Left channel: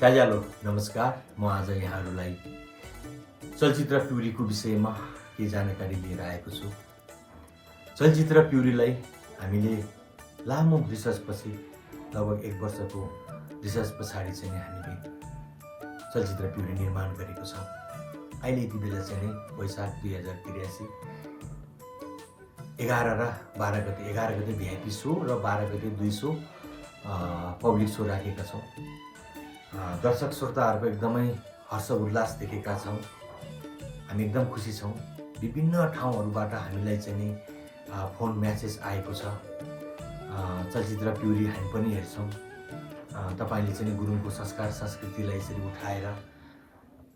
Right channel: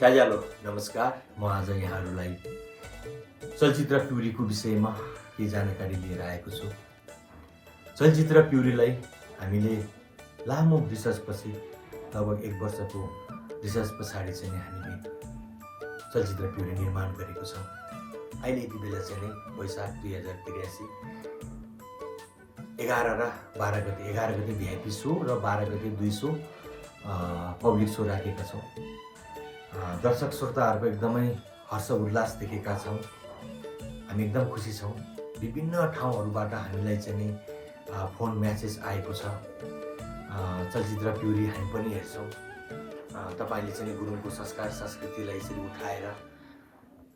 साझालो नमस्कार। म आज यहाँहरूलाई चलचित्र प्युरीको विषयमा केही जानकारी लिएर आएको छु। चलचित्र प्युरीलाई हामीले लामो रिसर्चपछि लगभग 1 वर्षको रिसर्च पछाडि चाहिँ हामीले चलचित्र प्युरी निर्माण गरेको छौँ। अहिले यति बेला चाहिँ वैशाख 2083 11 र 12 गते 11 गते भिआइपी सो र 12 गते 2 सो पब्लिक सो राखेका छौँ। दर्शक श्रोताहरूको एकदमै हर्ष उल्लास देखेका छौँ। हामी एकदम खुसी छौँ। विभिन्न ठाउँहरूबाट हामीलाई चाहिँ फोन म्यासेज आएको छ। चलचित्र प्युरी हामी पनि हेर्छौँ। तपाईँले चाहिँ गुरुङको संस्कार संस्कृतिलाई यसरी उठाएर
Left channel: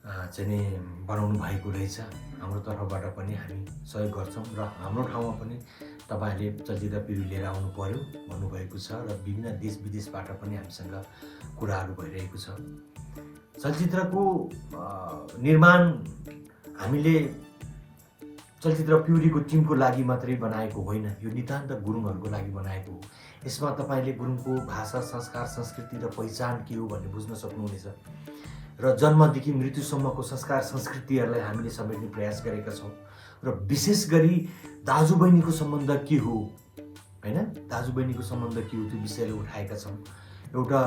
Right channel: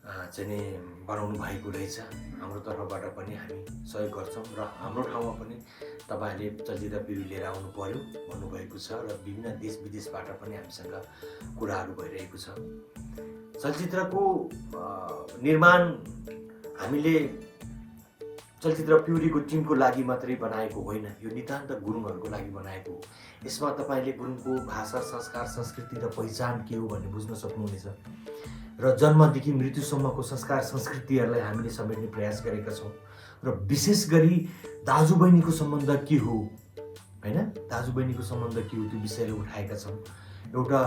चाहिँ बनाउनु भएको रहेछ। हाम्रो तर्फबाट पनि हामी सहयोग गर्छौँ र हाम्रो ठाउँमा पनि तपाईँहरूले चलचित्र प्युरी लिएर आउनु पर्यो भन्नुभएको छ र विभिन्न देश विदेशबाट पनि हामीसँग कुराहरू भइरहेको छ। चलचित्रको निर्माण हामीले चलचित्र प्युरीको टिमको लागि मात्रै बनाएको होइन, यो नितान्त गुरुङहरूको लागि बनाएको हो। यसमा तपाईँले गुरुङको भाषा, संस्कार, संस्कृति र पहिचान के हो भन्ने बुझ्न सक्नुहुनेछ र जन्मदेखि मृत्युसम्मको संस्कार संस्कृतिहरूलाई हामीले समेट्ने प्रयास गरेका छौँ र विशेष गरी दाजुबहिनीको सम्बन्ध के हो, होइन, दाजुबहिनीको सम्बन्ध के हो त्यो विषयलाई उठाएका छौँ। एउटा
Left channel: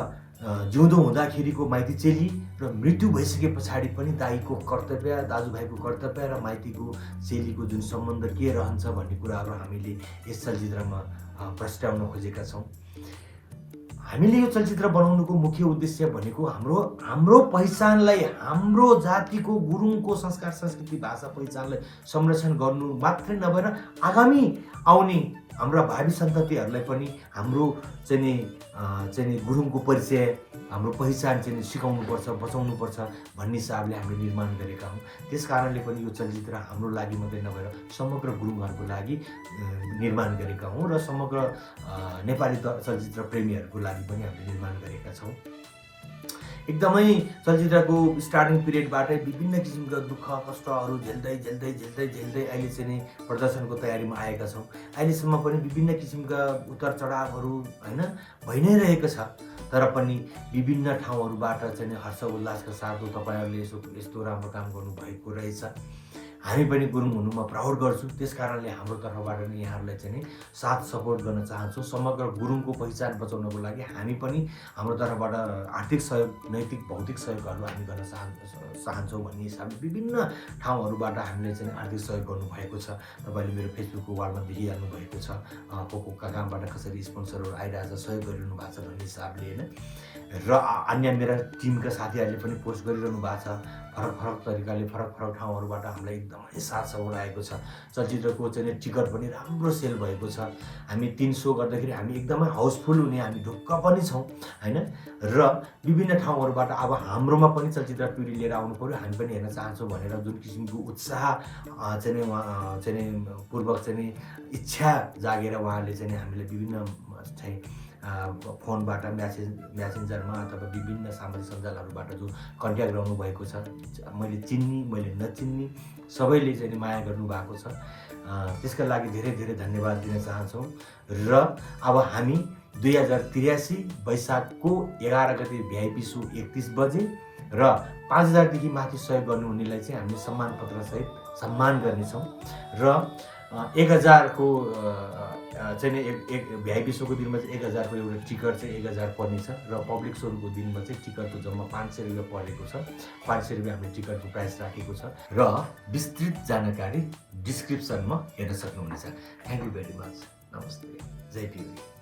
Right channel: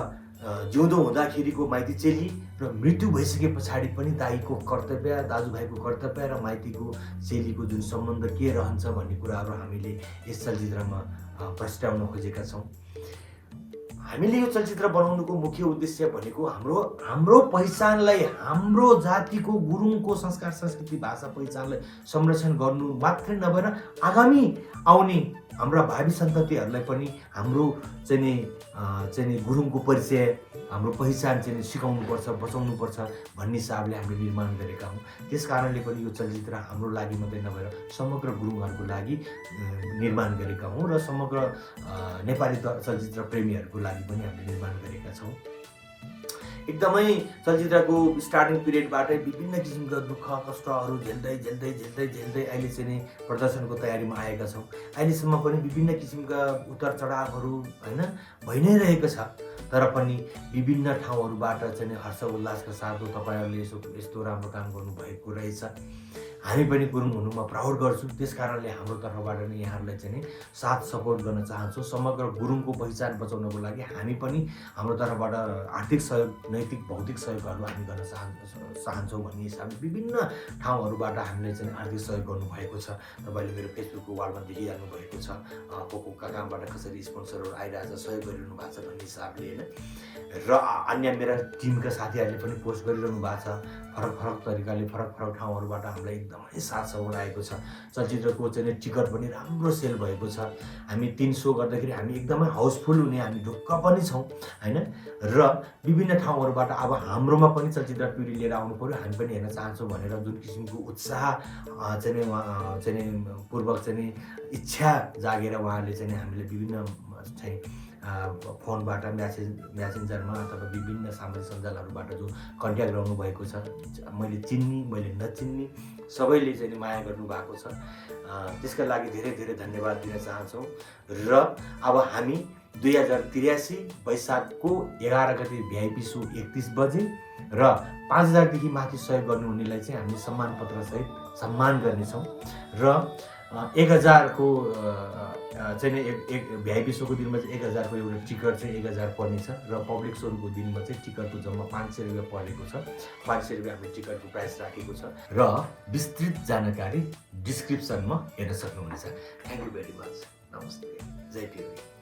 जिउँदो हुँदाखेरिको माइती चेली र मृत्यु भइसके पछाडि पनि दाईको कर्तव्य, दाजुभाइको कर्तव्य र माइतीको चेलीको जुन सम्बन्ध के रहन्छ भन्ने कुराहरू हामीले यस चलचित्रमा प्रस्ताउन खोजेका छौँ। हामीले यो चलचित्र बनाउनुको मुख्य उद्देश्य भनेको हाम्रो पहिचानलाई, हाम्रो जातिको गुरुङको संस्कार संस्कृति भाषा पहिचानलाई संरक्षण गर्नु मात्रै नभएर आगामी आउने हाम्रा भावी सन्ततिहरूलाई पनि हाम्रो चाहिँ गुरुङको परिचय, हाम्रो पहिचान चाहिँ सिकाउनुपर्छ, बचाउनुपर्छ भन्ने हिसाबले हामीले निर्माण गरेका हौँ। त्यस कारणले पनि यो चलचित्र हाम्रो लागि मात्रै नभएर समग्र गुरुङहरूको लागि निर्माण गरेका हौँ र समग्र नेपाली चलचित्र प्रेमीहरूको लागि पनि हामीले निर्माण गरेका छौँ। एकदमै चलचित्रको स्टार्टिङ पिरियडबाटै विभिन्न किसिमका दुःख कष्टहरू झेल्दै अहिले चाहिँ प्रदर्शनको तयारीमा आएका छौँ। अहिलेसम्म पनि विभिन्न किसिमका उतार चढावहरू होइन भइ नै रहेको छ, तर पनि विभिन्न ठाउँहरूबाट चाहिँ हर्ष उल्लासका साथ तपाईँहरूले यस्तो राम्रो काम गर्नुभएको रहेछ, हामी पनि गुरुङ हुनुमा प्राउड गर्छौँ। त्यस कारणले हाम्रो तर्फबाट नै यहाँहरूलाई चाहिँ साथ सपोर्ट गर्न चाहन्छौँ। समग्र गुरुङको पहिचान बचाउनको लागि हामी पनि हाम्रो तर्फबाट आर्थिक सहयोग, नैतिक भौतिक सहयोगहरू हामी गर्न चाहन्छौँ भन्ने हिसाबले विभिन्न ठाउँहरूबाट हामीले चाहिँ आर्थिक सहयोग गर्नुभएको छ। तपाईँले मेरो फेसबुकको वालमा देखिहाल्नु भएको छ को कामबाट कसरी स्पोन्सरहरू आइरहेछ, सहयोग गरिरहनु भएको छ भन्ने हिसाबले, होइन। र अन्य मेरा टिमका साथीहरूले पनि पोस्ट गरिरहनु भएको छ। फरक तरिकाले फरक ठाउँहरूबाट हामीलाई एकदमै साथ सपोर्ट आएको छ। चलचित्रको चाहिँ टिकट पनि राम्रो सेल भएको छ। हामी 3 सो गर्दाखेरि हामी एकदमै हाउसफुल हुने हामी ढुक्क पनि छौँ, होइन। र विभिन्न ठाउँहरूबाट अब हाम्रोमा पनि चलचित्र प्युरी लिएर आउनु पर्यो, हामी पनि हेर्न चाहन्छौँ भनेर जुन किसिमको उत्साह चाहिँ पूर्वक चाहिँ इच्छा जागेर उहाँहरूले चाहिँ हामीलाई विभिन्न चाहिँ फोनबाट म्यासेन्जरमा अथवा विभिन्न सामाजिक सञ्जालहरूबाट जो कन्ट्याक्ट गर्नु भएको छ, मैले चिन्ने मैले नचिन्ने सबैले चाहिँ माया गर्नुभएको छ। त्यसका लागि धेरै धन्यवाद दिन चाहन्छौँ। र अब हामी 2083 वैशाखको 11 गते भिआइपी सो 31 बजे र 5000 माथि सहयोग गर्नुहुनेलाई चाहिँ हामीले सम्मान पत्रसहित सम्मान गर्नेछौँ र 1000 को चाहिँ एक भिआइपी सोको दिनमा चाहिँ 1000 को एउटा टिकट चाहिँ 1000 पर्नेछ र पब्लिक सोको दिनमा चाहिँ टिकटको जम्मा 500 रुपियाँ परेको छ। 500 रुपियाँ हाम्रो टिकटको प्राइस राखेको छ र विस्तृत जानकारी डिस्क्रिप्सनमा हेर्न सक्नुहुनेछ। Thank you very much. नमस्ते। जय प्युरी।